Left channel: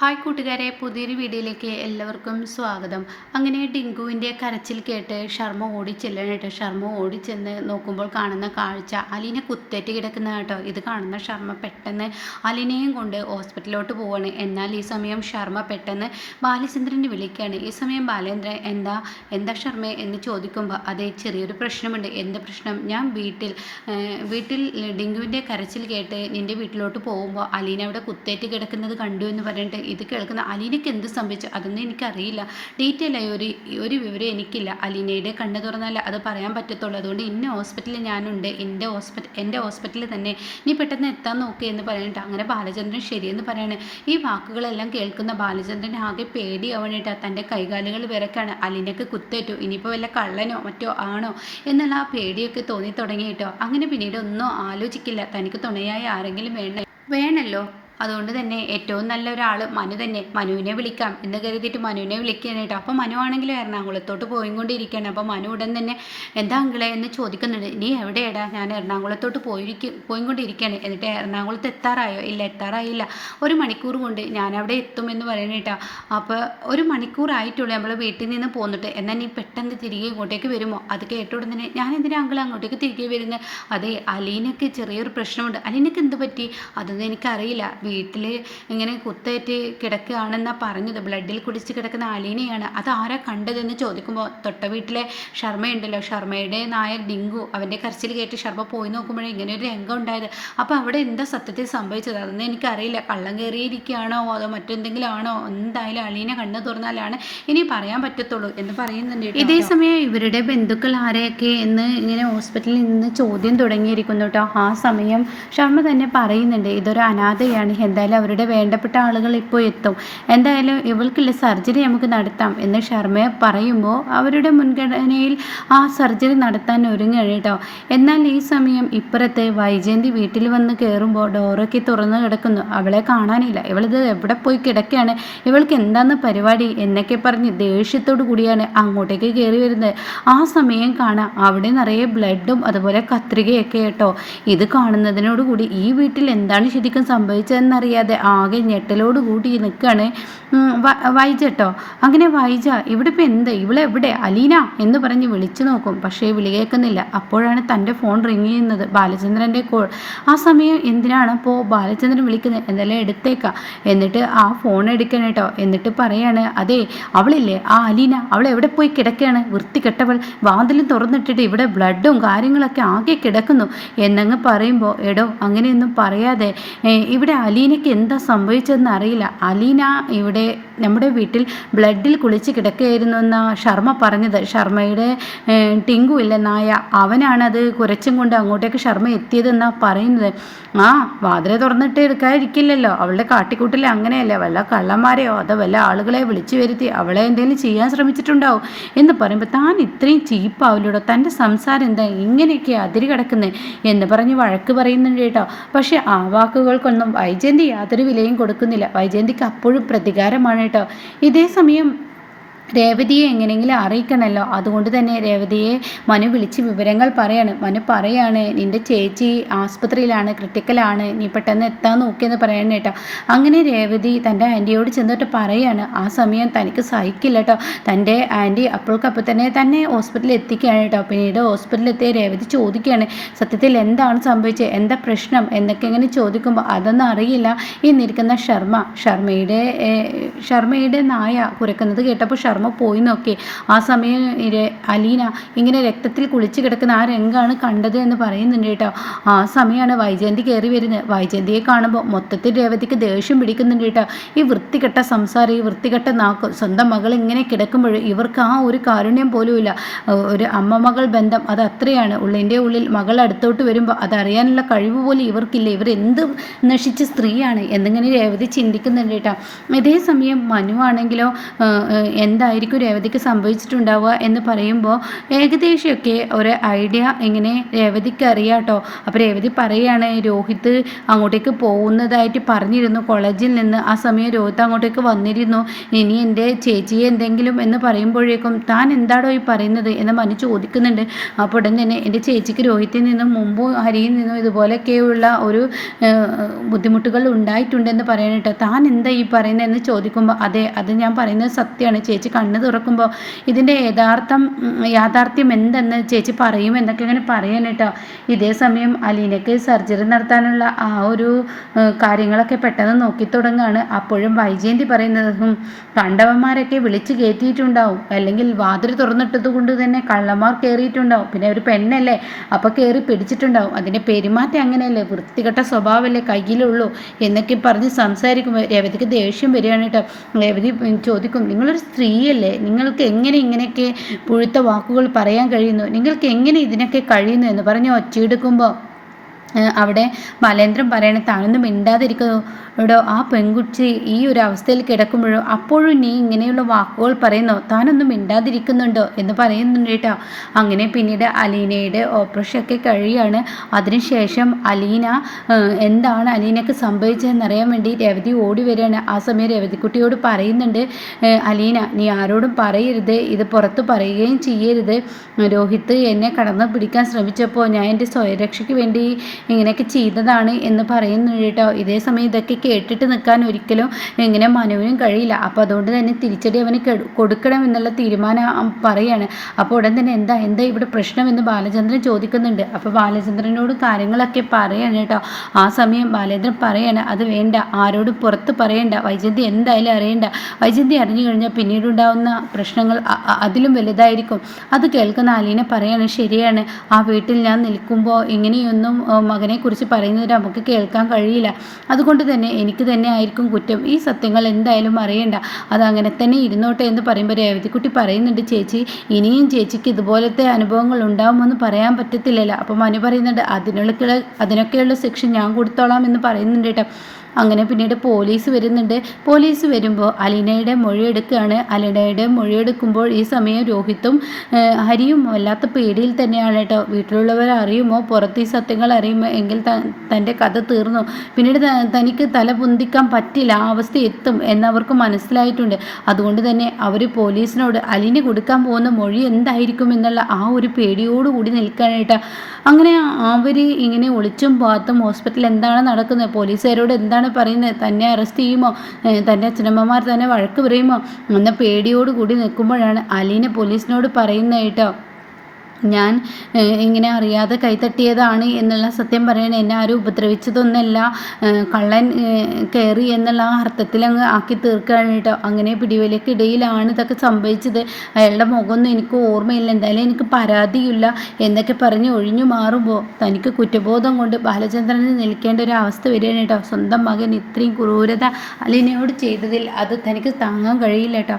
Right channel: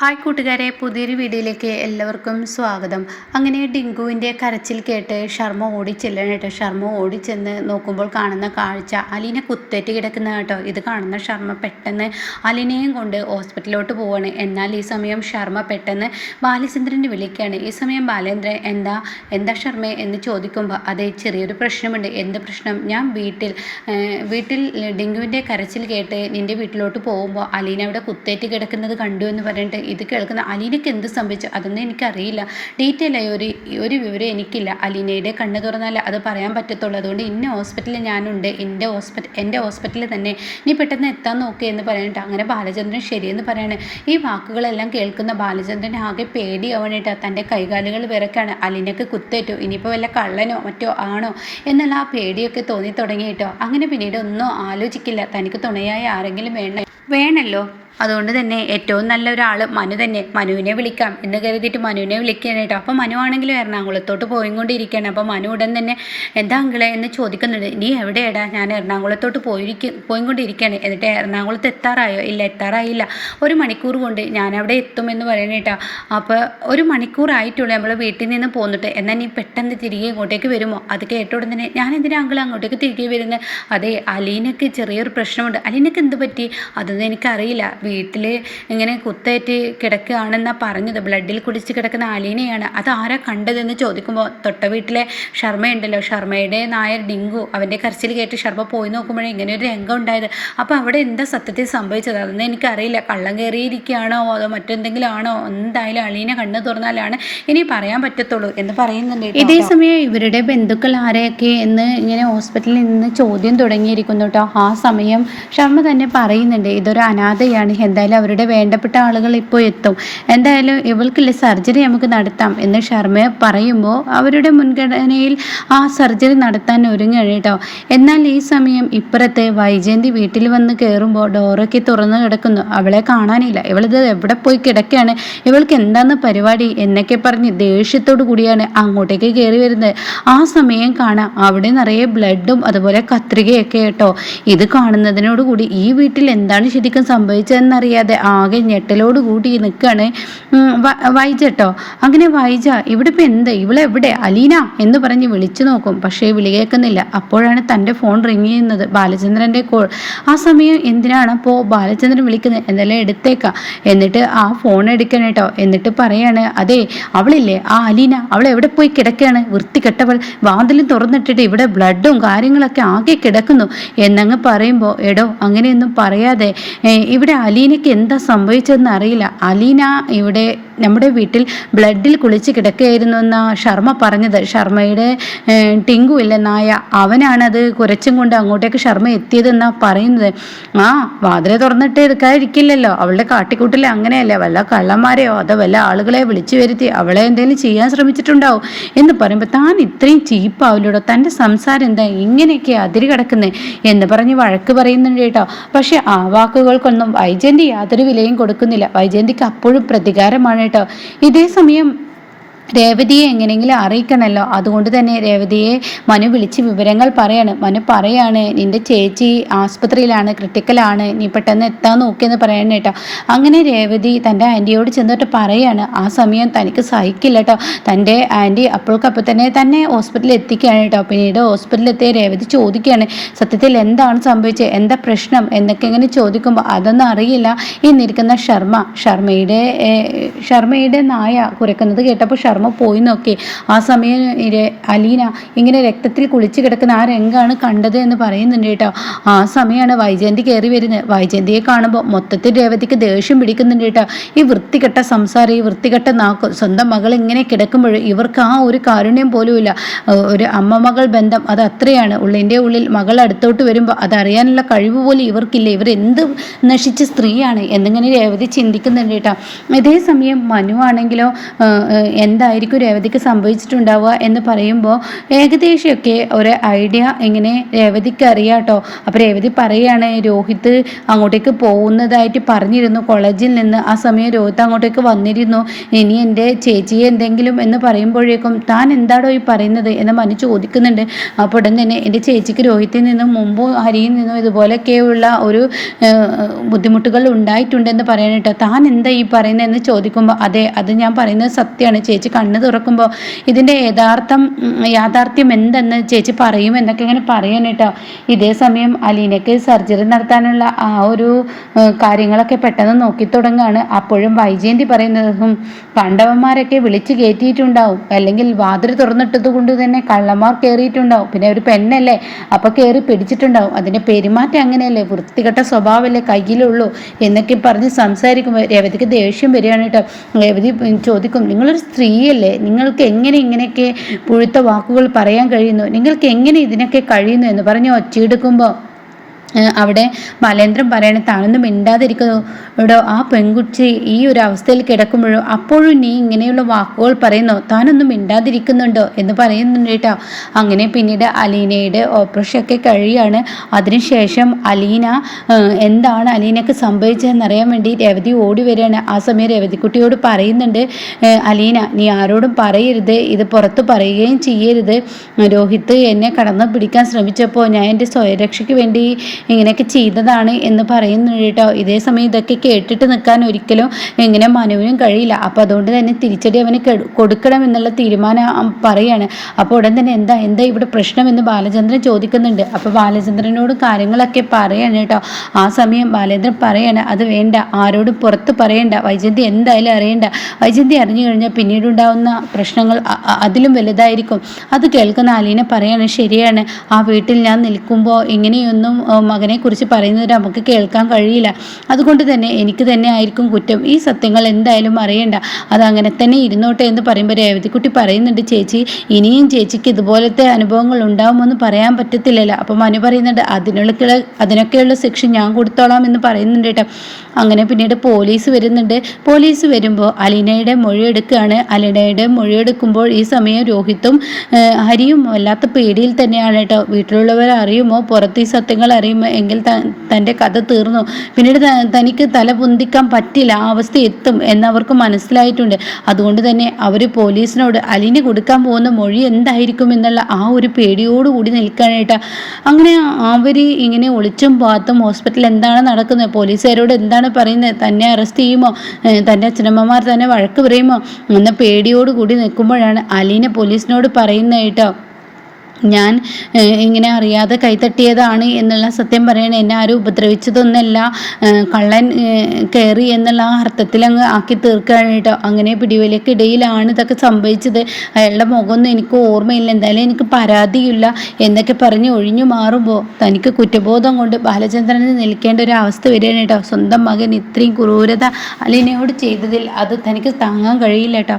Hi കൂട്ടുകാരെ, പുതിയൊരു വീഡിയോയിലേക്ക് എല്ലാവർക്കും സ്വാഗതം. അങ്ങനെ ഡിങ്കുവിൻ്റെ കരച്ചിൽ കേട്ട് ശർമ്മ ഓടിച്ചെല്ലണേട്ടോ. ശർമ്മ ഓടിച്ചെന്ന് നോക്കുമ്പോൾ കാണുന്ന കാഴ്ച അലീന കുത്തേറ്റ് കിടക്കുന്ന കേട്ടോ. ഇത് കാണുന്ന ശർമ്മ പെട്ടെന്ന് അലീനയും കൊണ്ട് ഹോസ്പിറ്റലിലോട്ട് പോവാണ്. എന്നാൽ ഈ സമയം ശർമ്മ പെട്ടെന്ന് ബാലചന്ദ്രനെ വിളിക്കുകയാണ്. ഈ സമയം ബാലേന്ദ്രൻ എന്താ ശർമ്മ എന്ന് ചോദിക്കുമ്പോൾ അതെ, ചെറിയൊരു പ്രശ്നമുണ്ട്. എന്ത് പ്രശ്നം? ഞാൻ വീട്ടിൽ ഡിങ്കുവിൻ്റെ കരച്ചിൽ കേട്ട് നിൻ്റെ വീട്ടിലോട്ട് പോകുമ്പോൾ അലീന അവിടെ കുത്തേറ്റ് കിടക്കുന്നത് കണ്ടു എന്ന് പറഞ്ഞിട്ട് ഇത് കേൾക്കുന്ന അലീനയ്ക്ക് എന്ത് സംഭവിച്ചു അതൊന്നും എനിക്കറിയില്ല. ഡീറ്റെയിൽ ആയി ഒരു വിവരം എനിക്കില്ല. അലീനയുടെ കണ്ണ് തുറന്നാൽ അത് പറയാൻ പറ്റത്തുള്ളൂ. അതുകൊണ്ട് ഇന്ന ഹോസ്പിറ്റലിൽ ഞാനുണ്ട്, എൻ്റെ ഹോസ്പിറ്റലിൽ തന്നെ, നീ പെട്ടെന്ന് എത്താൻ നോക്കുക എന്ന് പറഞ്ഞിട്ട് അങ്ങനെ ബാലചന്ദ്രൻ ശരിയെന്ന് പറയാണ്. ഈ വാക്കുകളെല്ലാം കേൾക്കുന്ന ബാലചന്ദ്രൻ ആകെ പേടിയാവണിട്ട് തൻ്റെ കൈകാലുകൾ വിറക്കാണ്. അലീനയ്ക്ക് കുത്തേറ്റു, ഇനിയിപ്പോൾ വല്ല കള്ളനോ മറ്റോ ആണോ എന്നുള്ള ആ പേടിയൊക്കെ തോന്നി തുടങ്ങിയിട്ടോ. അങ്ങനെ പിന്നീട് ഒന്നും ആലോചിക്കില്ല. തനിക്ക് തുണയായി ആരെങ്കിലും വേണമല്ലോ. അതുകൊണ്ട് തന്നെ ഏറ്റവും നല്ല ഒരാൾ മനു തന്നെ. മനുവിനെ വിളിക്കാം എന്ന് കരുതിയിട്ട് മനുവിനെ വിളിക്കുകയാണ് കേട്ടോ. അപ്പോൾ മനു ആണെങ്കിലും എറണാകുളത്തോട്ട് പോയിക്കൊണ്ടിരിക്കുകയാണ്. അപ്പോൾ മനു ഉടൻ തന്നെ എന്താ അങ്കിളെ എന്ന് ചോദിക്കുന്നുണ്ട്. നീ എവിടെയാടാ? ഞാൻ എറണാകുളത്തോട്ട് പോയിക്കൊണ്ടിരിക്കുകയാണ്. എന്നിട്ട് എറണാകുളത്ത് എത്താറായോ? ഇല്ല, എത്താറായില്ല. 1 മണിക്കൂർ കൊണ്ട് ഞാൻ അവിടെ എത്തുമെന്ന് പറയണ കേട്ടോ. അപ്പോൾ 1 മണിക്കൂറായിട്ടുള്ളൂ നമ്മൾ വീട്ടിൽ നിന്ന് പോന്നിട്ട്. എന്നാൽ നീ പെട്ടെന്ന് തിരികെ ഇങ്ങോട്ടേക്ക് വരുമോ? അത് കേട്ട ഉടൻ തന്നെ ഞാൻ എന്തിനാ അങ്കിൾ അങ്ങോട്ടേക്ക് തിരികെ വരുന്നത്? അതെ, അലീനയ്ക്ക് ചെറിയൊരു പ്രശ്നമുണ്ട്. അലീനയ്ക്ക് എന്ത് പറ്റി? അതൊന്നും എനിക്കറിയില്ല. വീട്ടിൽ ഇങ്ങനെ കുത്തേറ്റ് കിടക്കുകയാണെന്നാണ് പറഞ്ഞത്. ബ്ലഡിൽ കുടിച്ച് കിടക്കുന്ന അലീനയാണ്. അത് ആരാ കണ്ടതെന്ന് ചോദിക്കുമ്പോൾ തൊട്ട വീട്ടിലെ ശർമ്മയുണ്ടല്ലോ, ശർമ്മയുടെ നായർ ഡിങ്കു, അവൻ്റെ കരച്ചിൽ കേട്ട് ശർമ്മ പോയി നോക്കുമ്പോഴേ ഇങ്ങനെ ഒരു രംഗം ഉണ്ടായത്. അപ്പോൾ അവിടെ എന്താ സത്യത്തിൽ സംഭവിച്ചത് അതൊന്നും എനിക്കറിയില്ല. കള്ളം കയറിയിരിക്കുകയാണോ അതോ മറ്റെന്തെങ്കിലും ആണോ? എന്തായാലും അലീന കണ്ണ് തുറന്നാലാണ് ഇനി പറയാൻ പറ്റത്തുള്ളൂ എന്ന് പറയുന്നുണ്ട്. ഇതേ സമയം ഇവരുടെ ബന്ധുക്കൾ ആരെയൊക്കെ എന്ന് ഇങ്ങനെ ഹോസ്പിറ്റലിൽ നിന്ന് ചോദ്യം തുടങ്ങിയിരിക്കുന്നു കേട്ടോ. ആ സമയം ശർമ്മ തന്നെ പറയുന്നുണ്ട്, ഇതൊരു അനാഥയാണ്, എന്തായാലും അവരുടെ വേണ്ടപ്പെട്ട ആളുകൾ ഇപ്പോൾ എത്തും, എന്തായാലും ഇവൾക്കുള്ള സർജറി നമുക്ക് നടത്താം എന്ന് ശർമ്മ പറയുമ്പോൾ അവരുടെ മുൻഗണനയിൽ ആ സർജറി നടത്താൻ ഒരുങ്ങുകയാണ് കേട്ടോ. എന്നാൽ ഈ സമയം ഇപ്പുറത്തെ വൈജയന്തി വീട്ടിൽ വന്ന് കയറുമ്പോൾ ഡോറൊക്കെ തുറന്നു കിടക്കുന്നു. അവളെ കാണാനില്ല. ഇവളിത് എവിടെ പോയി കിടക്കുകയാണ്? ഇവൾക്ക് എന്താന്ന് പരിപാടി എന്നൊക്കെ പറഞ്ഞ് ദേഷ്യത്തോടു കൂടിയാണ് അങ്ങോട്ടേക്ക് കയറി വരുന്നത്. ആ സമയം കാണാം അവിടെ നിറയെ ബ്ലഡും അതുപോലെ കത്രികയൊക്കെ കേട്ടോ. ഇത് കാണുന്നതിനോടുകൂടി ഈ വീട്ടിൽ എന്താണ് ശരിക്കും സംഭവിച്ചതെന്നറിയാതെ ആകെ ഞെട്ടലോട് കൂടി നിൽക്കുകയാണ് വൈജ കേട്ടോ. അങ്ങനെ വൈജ ഇവിടെ ഇപ്പം എന്ത്, ഇവളെവിടെ, അലീന എന്ന് പറഞ്ഞ് വിളിച്ചു നോക്കും. പക്ഷേ വിളി കേൾക്കുന്നില്ല. അപ്പോഴാണ് തൻ്റെ ഫോൺ റിങ് ചെയ്യുന്നത്, ബാലചന്ദ്രൻ്റെ കോൾ. ആ സമയം എന്തിനാണ് അപ്പോൾ ബാലചന്ദ്രൻ വിളിക്കുന്നത്? എന്തായാലും എടുത്തേക്കാം. എന്നിട്ട് ആ ഫോൺ എടുക്കണം കേട്ടോ. എന്നിട്ട് പറയാണ്, അതെ അവളില്ലേ ആ അലീന, അവൾ എവിടെ പോയി കിടക്കുകയാണ്? വൃത്തികെട്ടവൾ, വാതിലും തുറന്നിട്ടിട്ട് ഇവിടെ ബ്ലഡും കാര്യങ്ങളൊക്കെ ആകെ കിടക്കുന്നു എന്നങ്ങ് പറയുമ്പോൾ, എടോ അങ്ങനെയൊന്നും പറയാതെ, ഇവിടെ അലീനയ്ക്ക് എന്താ സംഭവിച്ചതെന്ന് അറിയില്ല. അലീന ഇവിടെ നമ്മുടെ വീട്ടിൽ ബ്ലഡിൽ കുളിച്ച് കിടക്കുകയായിരുന്നു എന്നാണ് ശർമ്മ പറഞ്ഞത്. ശർമ്മയുടെ ടിങ്കു ഇല്ല നായ, അവനാണത് കുരച്ചും കൊണ്ട് അങ്ങോട്ടേക്ക് ശർമ്മ എത്തിയതെന്നാണ് പറയുന്നത്. ആ വാതിലെ തുറന്നിട്ട് എടുക്കാതിരിക്കില്ലല്ലോ, അവളുടെ കാട്ടിക്കൂട്ടിൽ അങ്ങനെയല്ലേ, വല്ല കള്ളന്മാരെയോ അതോ വല്ല ആളുകളെ വിളിച്ചു വരുത്തി അവളെ എന്തെങ്കിലും ചെയ്യാൻ ശ്രമിച്ചിട്ടുണ്ടാവും എന്ന് പറയുമ്പോൾ താൻ ഇത്രയും ചീപ്പാവില്ലൂടോ, തൻ്റെ സംസാരം എന്താ ഇങ്ങനെയൊക്കെ അതിര് കിടക്കുന്നത് എന്ന് പറഞ്ഞ് വഴക്ക് പറയുന്നുണ്ട് കേട്ടോ. പക്ഷെ ആ വാക്കുകൾക്കൊന്നും വൈജയന്തി യാതൊരു വിലയും കൊടുക്കുന്നില്ല. വൈജയന്തിക്ക് അപ്പോഴും പ്രതികാരമാണ് കേട്ടോ. ഇതേ സമയം രേവതിയെ എങ്ങനെയെങ്കിലും അറിയിക്കണമല്ലോ. അതുകൊണ്ട് തന്നെ രേവതിയെ മനു വിളിച്ച് വിവരങ്ങൾ പറയാണ്, നിൻ്റെ ചേച്ചി ആസ്പത്രിയിലാണ്, ക്രിട്ടിക്കലാണ്, നീ പെട്ടെന്ന് എത്താൻ നോക്കിയെന്ന് പറയണ കേട്ടോ. അങ്ങനെ രേവതി തൻ്റെ ആൻറ്റിയോട് ചെന്നിട്ട് പറയാണ്. ആ സമയം തനിക്ക് സഹിക്കില്ല കേട്ടോ. തൻ്റെ ആൻറ്റി അപ്പോഴേക്കപ്പോൾ തന്നെ ഹോസ്പിറ്റലിൽ എത്തിക്കുകയാണ് കേട്ടോ. പിന്നീട് ഹോസ്പിറ്റലിൽ എത്തിയ രേവതി ചോദിക്കുകയാണ്, സത്യത്തിൽ എന്താണ് സംഭവിച്ചത്, എന്താ പ്രശ്നം എന്നൊക്കെ ഇങ്ങനെ ചോദിക്കുമ്പോൾ അതൊന്നും അറിയില്ല എന്നിരിക്കുന്ന ശർമ്മയുടെ നായ കുരക്കുന്നത് കേട്ടപ്പോൾ ശർമ്മ പോയി നോക്കി. ആ സമയം അലീന ഇങ്ങനെ രക്തത്തിൽ കുളിച്ച് കിടക്കുന്ന ആ രംഗമാണ് കണ്ടത് എന്ന് പറയുന്നുണ്ട് കേട്ടോ. ആ സമയമാണ് വൈജയന്തി കയറി വരുന്നത്. വൈജയന്തിയെ കാണുമ്പോൾ മൊത്തത്തിൽ രേവതിക്ക് ദേഷ്യം പിടിക്കുന്നുണ്ട് കേട്ടോ. ഈ വൃത്തികെട്ട സംസാരം, ഈ വൃത്തികെട്ട നാക്ക്, സ്വന്തം മകൾ ഇങ്ങനെ കിടക്കുമ്പോൾ ഇവർക്ക് ആ ഒരു കാരുണ്യം പോലുമില്ല. ഒരു അമ്മ മകൾ ബന്ധം അത് അത്രയാണ്. ഉള്ളിൻ്റെ ഉള്ളിൽ മകൾ അടുത്തോട്ട് വരുമ്പോൾ അതറിയാനുള്ള കഴിവ് പോലും ഇവർക്കില്ല. ഇവരെന്ത് നശിച്ച സ്ത്രീയാണ് എന്നിങ്ങനെ രേവതി ചിന്തിക്കുന്നുണ്ട് കേട്ടോ. ഇതേ സമയം മനു ആണെങ്കിലോ എന്താ എന്തായിരിക്കും രേവതിക്ക് സംഭവിച്ചിട്ടുണ്ടാവുക എന്ന് പറയുമ്പോൾ ഏകദേശമൊക്കെ ഒരു ഐഡിയ ഇങ്ങനെ രേവതിക്ക് അറിയാട്ടോ. അപ്പോൾ രേവതി പറയാണ് രോഹിത് അങ്ങോട്ടേക്ക് പോകുന്നതായിട്ട് പറഞ്ഞിരുന്നു കോളേജിൽ നിന്ന്. ആ സമയം രോഹിത് അങ്ങോട്ടേക്ക് വന്നിരുന്നു. ഇനി എൻ്റെ ചേച്ചിയെ എന്തെങ്കിലും എന്ന് പറയുമ്പോഴേക്കും താൻ എന്താടോ ഈ പറയുന്നത് എന്ന് മനു ചോദിക്കുന്നുണ്ട്. അപ്പോൾ ഉടൻ തന്നെ എൻ്റെ ചേച്ചിക്ക് രോഹിത്തിൽ നിന്നും മുമ്പും ഹരിയിൽ നിന്നും ഇതുപോലെയൊക്കെയുള്ള ഒരു ബുദ്ധിമുട്ടുകൾ ഉണ്ടായിട്ടുണ്ടെന്ന് പറയാനായിട്ട് താൻ എന്താ ഈ പറയുന്നതെന്ന് ചോദിക്കുമ്പോൾ അതെ, അത് ഞാൻ പറയുന്നത് സത്യമാണ്. ചേച്ചി കണ്ണ് തുറക്കുമ്പോൾ ഇതിൻ്റെ യാഥാർത്ഥ്യം എന്തെന്ന് ചേച്ചി പറയും എന്നൊക്കെ ഇങ്ങനെ പറയാനായിട്ടോ. ഇതേ സമയം അലീനയ്ക്ക് സർജറി നടത്താനുള്ള ആ ഒരു കാര്യങ്ങളൊക്കെ പെട്ടെന്ന് നോക്കി തുടങ്ങുകയാണ്. അപ്പോഴും വൈജയന്തി പറയുന്നതും കണ്ടവന്മാരൊക്കെ വിളിച്ചു കയറ്റിയിട്ടുണ്ടാവും, അല്ലെങ്കിൽ വാതിൽ തുറന്നിട്ടത് കൊണ്ട് തന്നെ കള്ളന്മാർ കയറിയിട്ടുണ്ടാവും, പിന്നെ ഒരു പെണ്ണല്ലേ അപ്പോൾ കയറി പിടിച്ചിട്ടുണ്ടാവും, അതിൻ്റെ പെരുമാറ്റം അങ്ങനെയല്ലേ, വൃത്തികെട്ട സ്വഭാവമല്ലേ കയ്യിലുള്ളൂ എന്നൊക്കെ പറഞ്ഞ് സംസാരിക്കുമ്പോൾ രേവതിക്ക് ദേഷ്യം വരികയാണ് കേട്ടോ. രേവതി ചോദിക്കും നിങ്ങളൊരു സ്ത്രീയല്ലേ, നിങ്ങൾക്ക് എങ്ങനെ ഇങ്ങനെയൊക്കെ പുഴുത്ത വാക്കുകൾ പറയാൻ കഴിയുന്നു, നിങ്ങൾക്ക് എങ്ങനെ ഇതിനൊക്കെ കഴിയുന്നു എന്ന് പറഞ്ഞ് ഒച്ചയെടുക്കുമ്പോൾ അവിടെ ബാലേന്ദ്രൻ പറയണേ താനൊന്നും മിണ്ടാതിരിക്കുന്നു എടോ, ആ പെൺകുട്ടി ഈ ഒരു അവസ്ഥയിൽ കിടക്കുമ്പോഴോ അപ്പോഴും നീ ഇങ്ങനെയുള്ള വാക്കുകൾ പറയുന്നോ, താനൊന്നും മിണ്ടാതിരിക്കുന്നുണ്ടോ എന്ന് പറയുന്നുണ്ട് കേട്ടോ. അങ്ങനെ പിന്നീട് അലീനയുടെ ഓപ്പറേഷനൊക്കെ കഴിയാണ്. അതിനുശേഷം അലീന എന്താണ് അലീനക്ക് സംഭവിച്ചതെന്നറിയാൻ വേണ്ടി രേവതി ഓടി വരികയാണ്. ആ സമയം രേവതിക്കുട്ടിയോട് പറയുന്നുണ്ട് അലീന നീ ആരോടും പറയരുത്, ഇത് പുറത്ത് പറയുകയും ചെയ്യരുത്, രോഹിത് എന്നെ കടന്നു പിടിക്കാൻ ശ്രമിച്ചപ്പോൾ ഞാൻ എൻ്റെ സ്വയരക്ഷയ്ക്ക് വേണ്ടി ഇങ്ങനെയൊക്കെ ചെയ്തതാണ് എന്ന് പറയുന്നുണ്ട് കേട്ടോ. ഇതേ സമയം ഇതൊക്കെ കേട്ടിട്ട് നിൽക്കാൻ ഒരിക്കലും ഇങ്ങനെ മനുവിനും കഴിയില്ല. അപ്പോൾ അതുകൊണ്ട് തന്നെ തിരിച്ചടി അവന് കൊടുക്കണം എന്നുള്ള തീരുമാനം പറയാണ്. അപ്പോൾ ഉടൻ തന്നെ എന്താ ഇവിടെ പ്രശ്നമെന്ന് ബാലചന്ദ്രൻ ചോദിക്കുന്നുണ്ട്. അപ്പോൾ ബാലചന്ദ്രനോട് കാര്യങ്ങളൊക്കെ പറയാണ് കേട്ടോ. ആ സമയം ബാലേന്ദ്രൻ പറയാണ് അത് വേണ്ട, ആരോടും പുറത്ത് പറയണ്ട, വൈജയന്തി എന്തായാലും അറിയണ്ട, വൈജയന്തി അറിഞ്ഞു കഴിഞ്ഞാൽ പിന്നീടുണ്ടാവുന്ന പ്രശ്നങ്ങൾ അതിലും വലുതായിരിക്കും. അത് കേൾക്കുന്ന അലീന പറയാണ് ശരിയാണ്, ആ വീട്ടിൽ ഞാൻ നിൽക്കുമ്പോൾ ഇങ്ങനെയൊന്നും മകനെക്കുറിച്ച് പറയുന്നത് നമുക്ക് കേൾക്കാൻ കഴിയില്ല, അതുകൊണ്ട് തന്നെ എനിക്ക് തന്നെ ആയിരിക്കും കുറ്റം, ഈ സത്യങ്ങൾ എന്തായാലും അറിയണ്ട, അതങ്ങനെ തന്നെ ഇരുന്നോട്ടെ എന്ന് പറയുമ്പോൾ രേവതിക്കുട്ടി പറയുന്നുണ്ട് ചേച്ചി ഇനിയും ചേച്ചിക്ക് ഇതുപോലത്തെ അനുഭവങ്ങൾ ഉണ്ടാവുമെന്ന് പറയാൻ പറ്റത്തില്ലല്ലോ. അപ്പം മനു പറയുന്നുണ്ട് അതിനൊക്കെയുള്ള ശിക്ഷ ഞാൻ കൊടുത്തോളാം എന്ന് പറയുന്നുണ്ട് കേട്ടോ. അങ്ങനെ പിന്നീട് പോലീസ് വരുന്നുണ്ട്. പോലീസ് വരുമ്പോൾ അലീനയുടെ മൊഴിയെടുക്കുകയാണ്. അലീനയുടെ മൊഴിയെടുക്കുമ്പോൾ ഈ സമയം രോഹിത്തും ഹരിയും വല്ലാത്ത പേടിയിൽ തന്നെയാണ് കേട്ടോ. വീട്ടിലുള്ളവർ അറിയുമോ, പുറത്ത് ഈ സത്യങ്ങൾ അറിയുമോ എങ്കിൽ തൻ്റെ കഥ തീർന്നു, പിന്നീട് തനിക്ക് തല പൊന്തിക്കാൻ പറ്റില്ല, ആ അവസ്ഥ എത്തും എന്നവർക്ക് മനസ്സിലായിട്ടുണ്ട്. അതുകൊണ്ട് തന്നെ അവർ പോലീസിനോട് അലീന കൊടുക്കാൻ പോകുന്ന മൊഴി എന്തായിരിക്കും എന്നുള്ള ആ ഒരു പേടിയോടുകൂടി നിൽക്കാനായിട്ട് അങ്ങനെ അവർ ഇങ്ങനെ ഒളിച്ചും പാത്തും ഹോസ്പിറ്റലിൽ എന്താണ് നടക്കുന്നത്, പോലീസുകാരോട് എന്താണ് പറയുന്നത്, തന്നെ അറസ്റ്റ് ചെയ്യുമോ, തൻ്റെ അച്ഛനമ്മമാർ തന്നെ വഴക്ക് പറയുമോ എന്ന പേടിയോടുകൂടി നിൽക്കുമ്പോഴാണ് അലീന പോലീസിനോട് പറയുന്നത് കേട്ടോ ഞാൻ ഇങ്ങനെ അറിയാതെ കൈത്തട്ടിയതാണ് എന്നുള്ള സത്യം പറയണ, എന്നെ ആരും ഉപദ്രവിച്ചതൊന്നല്ല, കള്ളൻ കയറി എന്നുള്ള ആ അർത്ഥത്തിൽ അങ്ങ് ആക്കി തീർക്കുകയാണ് കേട്ടോ. അങ്ങനെ പിടിവലിക്കിടയിലാണ് ഇതൊക്കെ സംഭവിച്ചത്, അയാളുടെ മുഖമൊന്നും എനിക്ക് ഓർമ്മയില്ല, എന്തായാലും എനിക്ക് പരാതിയില്ല എന്നൊക്കെ പറഞ്ഞ് ഒഴിഞ്ഞു മാറുമ്പോൾ തനിക്ക് കുറ്റബോധം കൊണ്ട് ബാലചന്ദ്രന് നിൽക്കേണ്ട ഒരു അവസ്ഥ വരികയാണ് കേട്ടോ. സ്വന്തം മകൻ ഇത്രയും ക്രൂരത അലീനയോട് ചെയ്തതിൽ അത് തനിക്ക് താങ്ങാൻ കഴിയില്ല കേട്ടോ.